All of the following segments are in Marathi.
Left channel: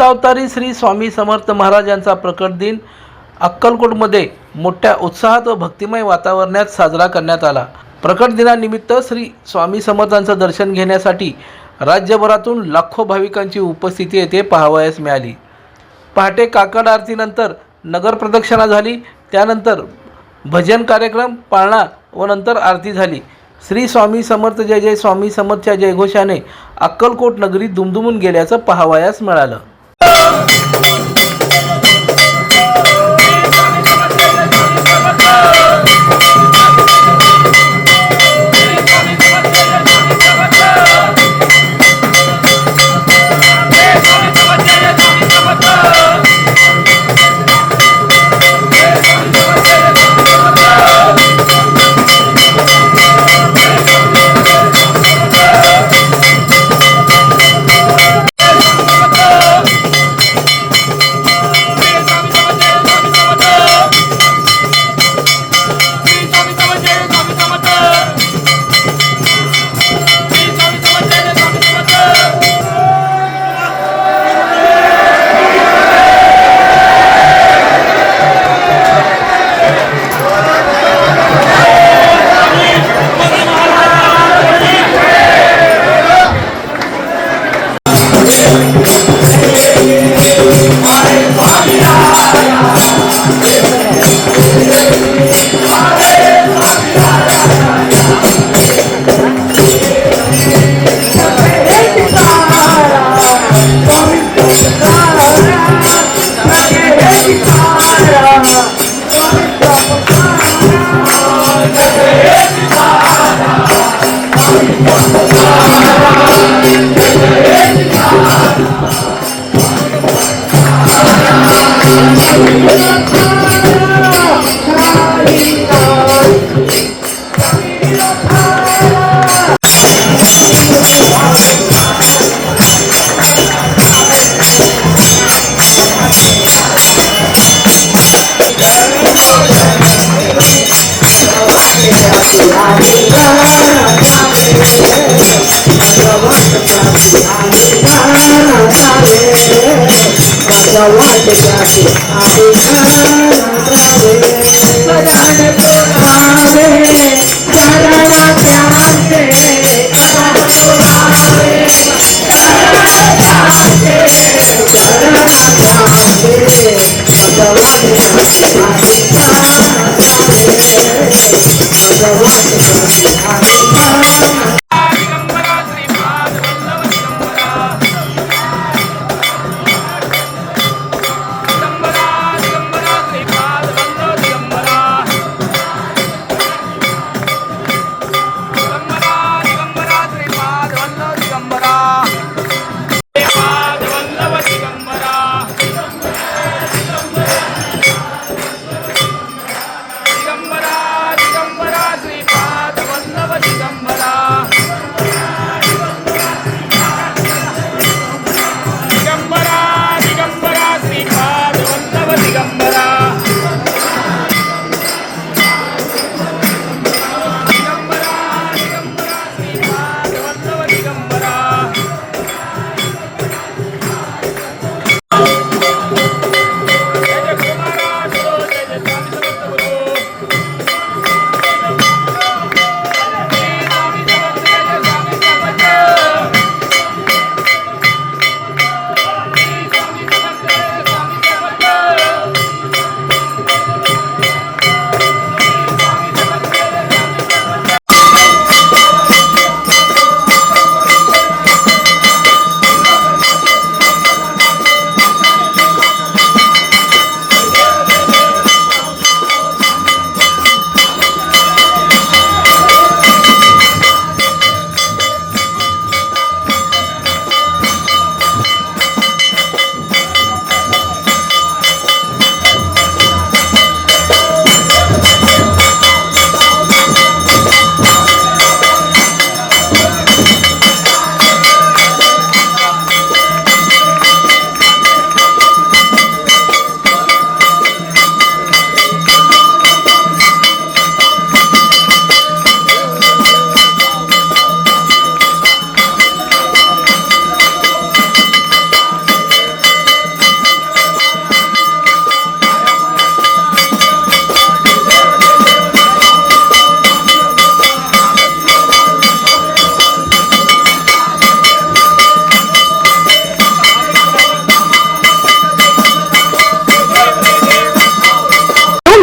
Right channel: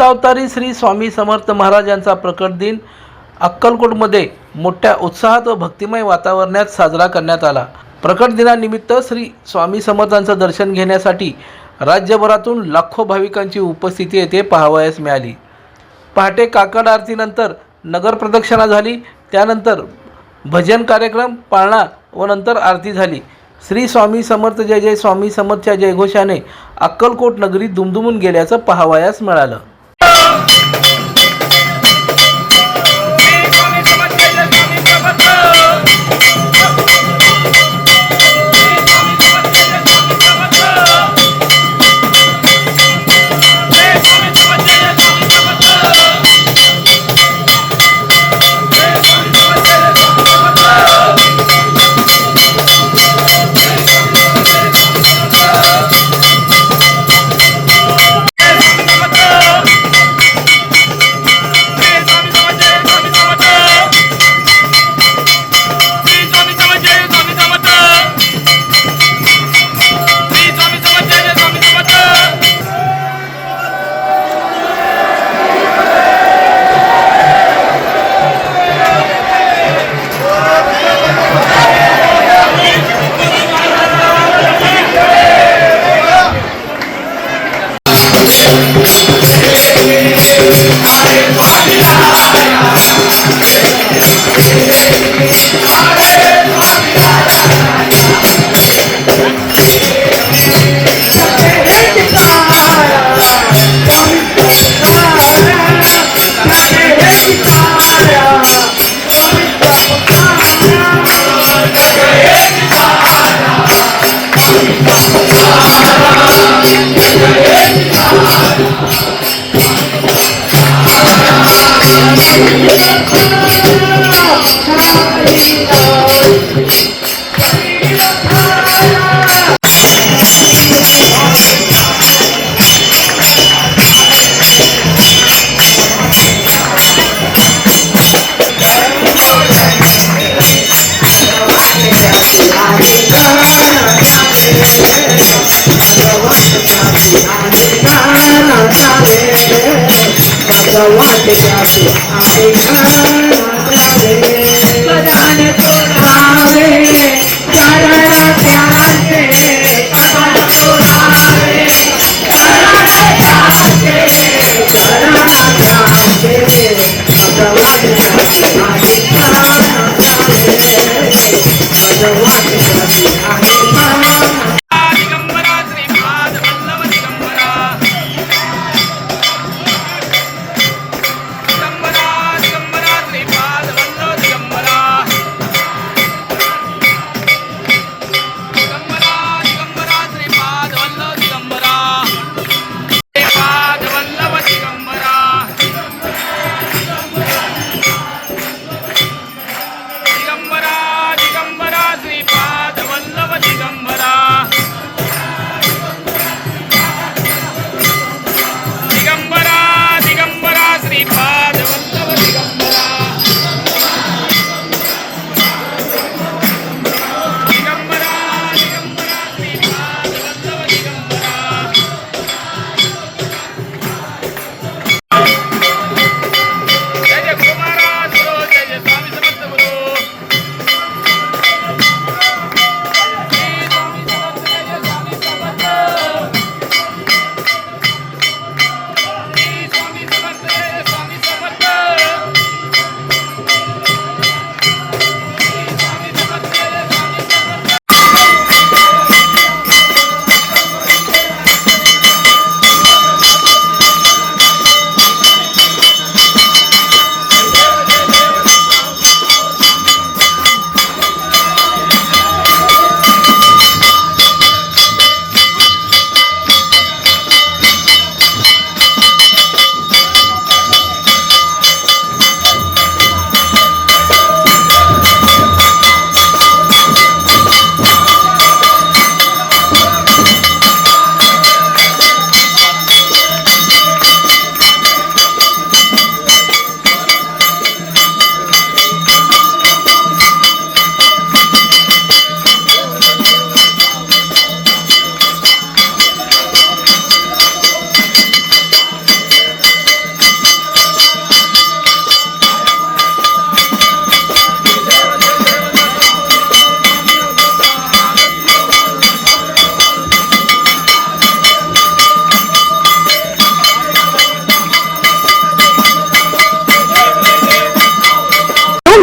दत्तावतारी श्री स्वामी समर्थ महाराज यांचा प्रकट दिन अक्कलकोटमध्ये मोठ्या उत्साहात व भक्तिमय वातावरणात साजरा करण्यात आला। प्रकट दिनानिमित्त श्री स्वामी समर्थांचं दर्शन घेण्यासाठी राज्यभरातून लाखो भाविकांची उपस्थिती येथे पाहावयास मिळाली। पहाटे काकड आरतीनंतर नगर प्रदक्षिणा झाली, त्यानंतर भजन कार्यक्रम, पाळणा व नंतर आरती झाली। श्री स्वामी समर्थ जय जय स्वामी समर्थच्या जयघोषाने अक्कलकोट नगरी दुमदुमून गेल्याचं पाहावयास मिळालं।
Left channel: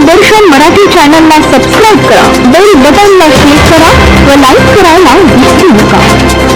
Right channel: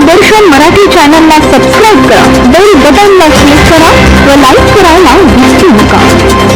सुदर्शन मराठी चॅनलला सबस्क्राईब करा, बेल बटनला क्लिक करा व लाईक करायला विसरू नका.